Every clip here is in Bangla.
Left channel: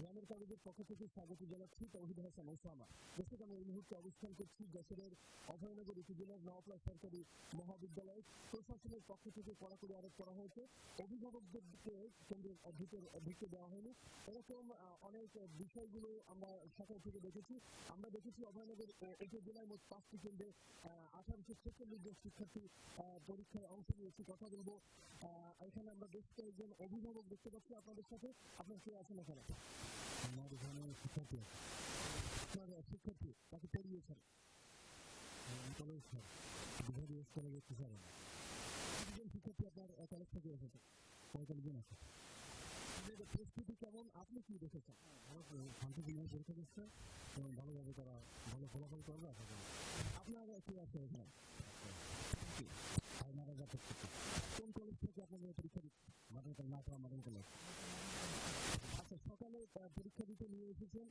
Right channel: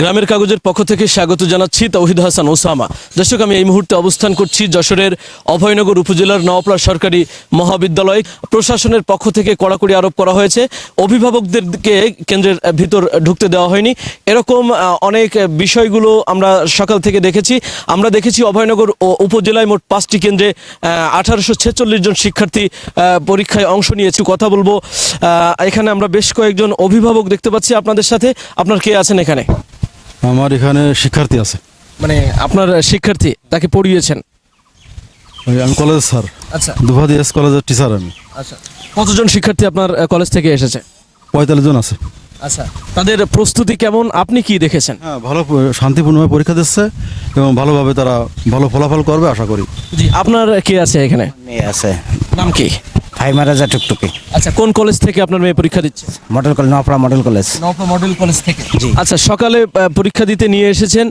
গ্রামের কাগজের পক্ষ থেকে স্বাগত জানাচ্ছি তৌহিদ হাসান ওসামা। দর্শক, আমি এই মুহূর্তে অবস্থান করছি যশোরের অভয়নগর উপজেলার নওপাড়া সরকারি মহাবিদ্যালয়। প্রশাসনের পক্ষ থেকে কড়াকড়ি আরোপ করা হয়েছে, অভিভাবকদেরকে কেন্দ্রের ভিতর ঢুকতে দেওয়া হয়নি। এরকম অনেক বিষয়গুলো আমরা সকাল থেকে দেখেছি। আমরা দেখেছি অভয়নগর উপজেলায় মোট 5টি কেন্দ্রে 1846 জন শিক্ষার্থী পরীক্ষায় অংশ নিয়েছে। কথা বলবো, এখানে আমরা বেশ কয়েকজন অভিভাবক দেখতে পাচ্ছি আপনাদের সাথে। আপনার কে আছেন এখানে? আমার এখানে শিক্ষার্থী আছে। মানে আপনার শিক্ষার্থী, তাকে পড়িয়েছেন? আমি কলেজ স্যার। আচ্ছা, দুভাদি এস কলেজের টিচার আমি। আচ্ছা, কতজন শিক্ষার্থী আপনার কলেজ থেকে এসেছে? 45 জন আছে। আচ্ছা, তাদের প্রস্তুতি কেমন, আপনি কি দেখেছেন? হ্যাঁ, ভালো, শান্তিপূর্ণভাবে পরীক্ষা দিচ্ছে এবং ভালোভাবে তারা ভালো ফলাফল করবে আশা করি। জি, আপনার কে আছে এখানে? মেয়ে আছে, নাম কি? ফাইমা রাজা টুকটুকি। আচ্ছা, কোন কলেজ থেকে আপনার মেয়ে পরীক্ষা দিচ্ছে? Model college, Naopara model college. Naopara model college থেকে। জি। আচ্ছা, সকালে পরীক্ষা দিতে নিয়ে এসেছেন,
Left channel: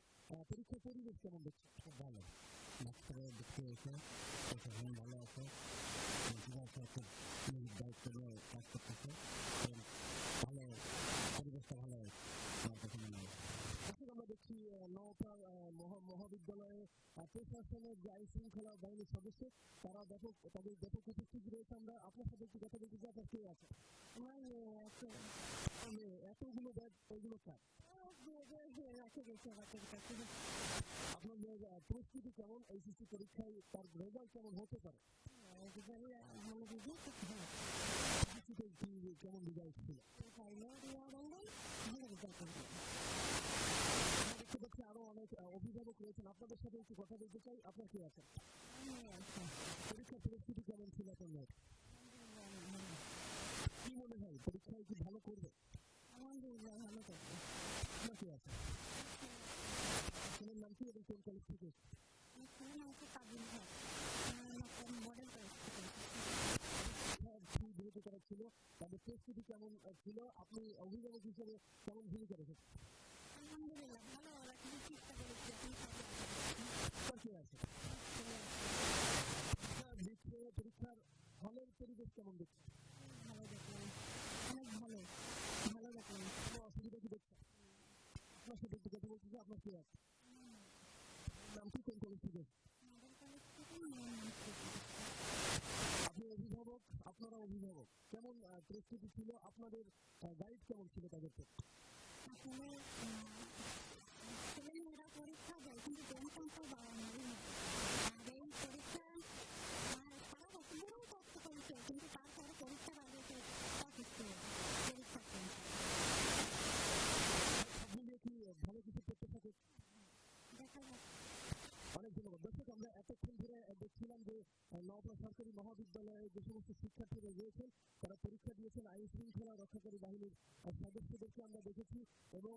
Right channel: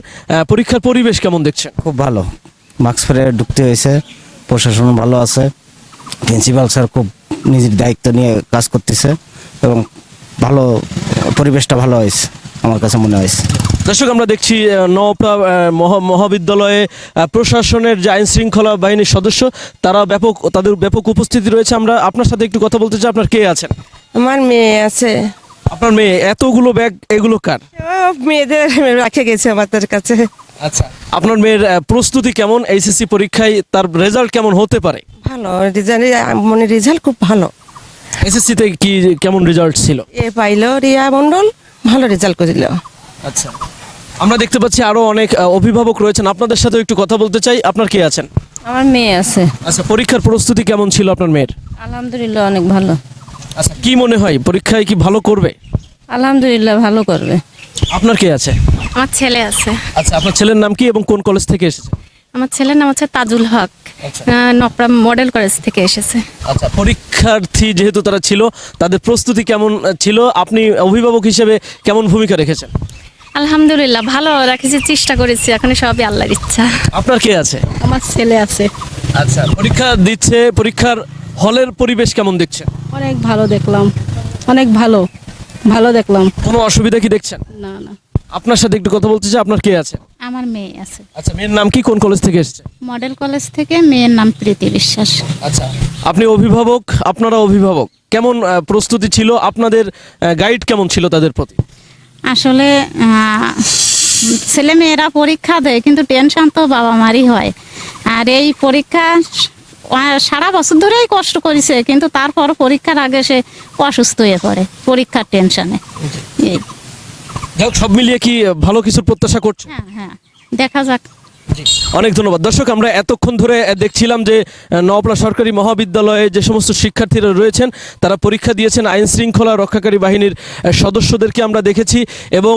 পরীক্ষার পরিবেশ কেমন দেখছেন? খুব ভালো, মাস্ক পরে ঢুকতে হয়েছে, প্রশাসন ভালো আছে, প্রিন্সিপাল স্যার খুব নিজের দায়িত্ব নিয়ে কাজ করতেছে এবং ভালো, পরিবেশটা ভালো হয়েছে আমার কাছে মনে হয়েছে। দর্শক, আমরা দেখছি নওপাড়া মহাবিদ্যালয়ে প্রশাসনের যে আইন শৃঙ্খলা বাহিনীর সদস্য, তাদের ব্যাপক উপস্থিতি রয়েছে। আমরা আপনার সাথে একটু কথা বলতে চাই। আপনার কে আছেন? আমার মেয়ে আছে। আপনার মেয়ে? এতগুলো ব্যাগ, এগুলো কার? মেয়েদের রাখে গেছে আমাদের কাছে। আচ্ছা, আপনার মেয়ের প্রস্তুতি কেমন? এইচএসসি পরীক্ষায় তার রেজাল্ট কেমন হতে পারে? ভালো রেজাল্ট খুব ভালো। এসএসসিতে কি কেমন রেজাল্ট ছিল? এ পাইলো রিয়া মন্ডল, ভালো রেজাল্ট করিল। আচ্ছা, আমরা দেখতে পাচ্ছি আরো অনেক অভিভাবক রয়েছেন, আপনাদের সাথে একটু কথা বলতে চাই। আপনার কে আছেন? আমার মেয়ে আছে। আচ্ছা, পরীক্ষার প্রস্তুতি কেমন ছিল আপনার মেয়ের? আলহামদুলিল্লাহ অনেক ভালো। আচ্ছা, কি মনে হয় পরীক্ষায় কি ভালো করবে? আলহামদুলিল্লাহ ভালো করবে। আপনার কে আছে? আমার ছেলে আছে। আচ্ছা, আপনার ছেলের নাম কি এবং কোন কলেজ থেকে এসেছে? আমার ছেলের নাম হচ্ছে তাজুল হক, নওপাড়া মডেল কলেজ থেকে এসেছে। আচ্ছা, পরীক্ষার্থী যেহেতু তারা ছিল, তাদের প্রস্তুতি কেমন ছিল? আপনি অভিভাবক হিসেবে কেমন ভূমিকা রেখেছেন? আলহামদুলিল্লাহ ভালো রাখেছি, চেষ্টা করেছি, এখন সবই আল্লাহর ইচ্ছা। আপনার কে আছে? আমার ছেলে আছে। আচ্ছা, পরীক্ষা দিচ্ছে, পরীক্ষার হলের পরিবেশ কেমন দেখছেন? অনেক ভালো দেখলাম, অনেক ভালো ভালো দেখলাম। কোনো অসুবিধা কি দেখছেন? না না। আপনার সাথে একটু কথা বলতে চাই। আপনার কে আছে? আমার মেয়ে আছে। আচ্ছা, মেয়ের নাম কি, কোন কলেজ থেকে এসেছে? মডেল কলেজ থেকে, মেয়ের নাম প্রীতি বিশ্বাস। আচ্ছা, আপনি অভিভাবক, আপনারা অভিভাবক, কেমন প্রস্তুতি ছিল? আপনাদের গাইড কেমন ছিল তাদের প্রতি? আসলে ছেলে মেয়েরা পরীক্ষা দেয়, কিন্তু টেনশন তো বাবা মারই হয়। আর এই পরীক্ষা সারা বছর ধরেই কষ্ট করেছে, কিন্তু তারপর পরীক্ষার আগে সে অসুস্থ হয়ে পড়ে পরীক্ষার টেনশনে। এই যাক, সব মিলিয়ে কি ভালো কিছুর প্রত্যাশা করছেন? হ্যাঁ হ্যাঁ, দেখা যাক। অনেক ধন্যবাদ। দর্শক, আমরা এতক্ষণ ধরে দেখছিলাম যে নওপাড়া সরকারি মহাবিদ্যালয়ে যে সমস্ত শিক্ষার্থীরা রয়েছেন, তারা পরীক্ষা দিয়েছেন। আইন শৃঙ্খলা রক্ষাকারী বাহিনীর সদস্যদেরকে আমরা দেখেছি এবং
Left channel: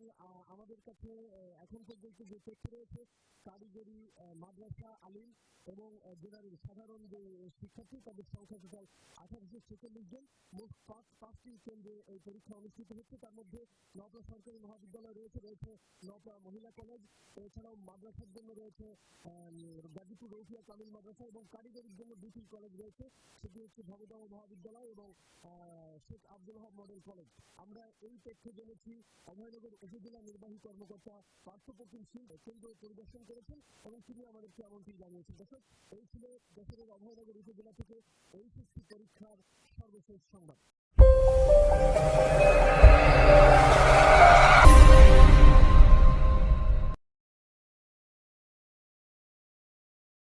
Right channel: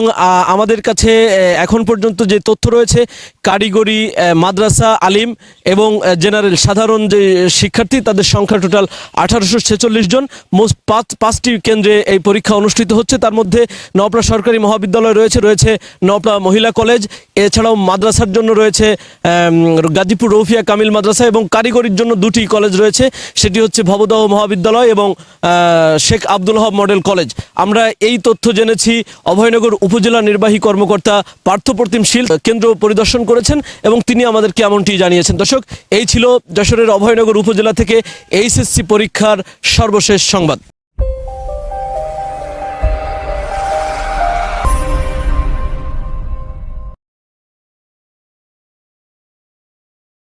আমাদের কাছে এখন পর্যন্ত যে তথ্য রয়েছে, কারিগরি, মাদ্রাসা, আলিম এবং জেনারেল সাধারণ যে শিক্ষার্থী, তাদের সংখ্যা টোটাল 1846 জন। মোট 5টি কেন্দ্রে এই পরীক্ষা অনুষ্ঠিত হচ্ছে। তার মধ্যে নওপাড়া সরকারি মহাবিদ্যালয় রয়েছে নওপাড়া মহিলা কলেজ, এছাড়াও মাদ্রাসার জন্য রয়েছে গাজীপুর রৌফিয়া কামিল মাদ্রাসা এবং কারিগরির জন্য 2টি কলেজ রয়েছে, সেটি হচ্ছে ভবদাহ মহাবিদ্যালয় এবং শেখ আব্দুল ওহাব মডেল কলেজ। আমরা এই তথ্য জেনেছি। অভয়নগর উপজেলা নির্বাহী কর্মকর্তা পার্থপ্রতিম শীল কেন্দ্র পরিদর্শন করেছেন এবং তিনি আমাদেরকে এমনটি জানিয়েছেন। দর্শক, এই ছিল যশোরের অভয়নগর উপজেলা থেকে এইচএসসি পরীক্ষার সর্বশেষ সংবাদ।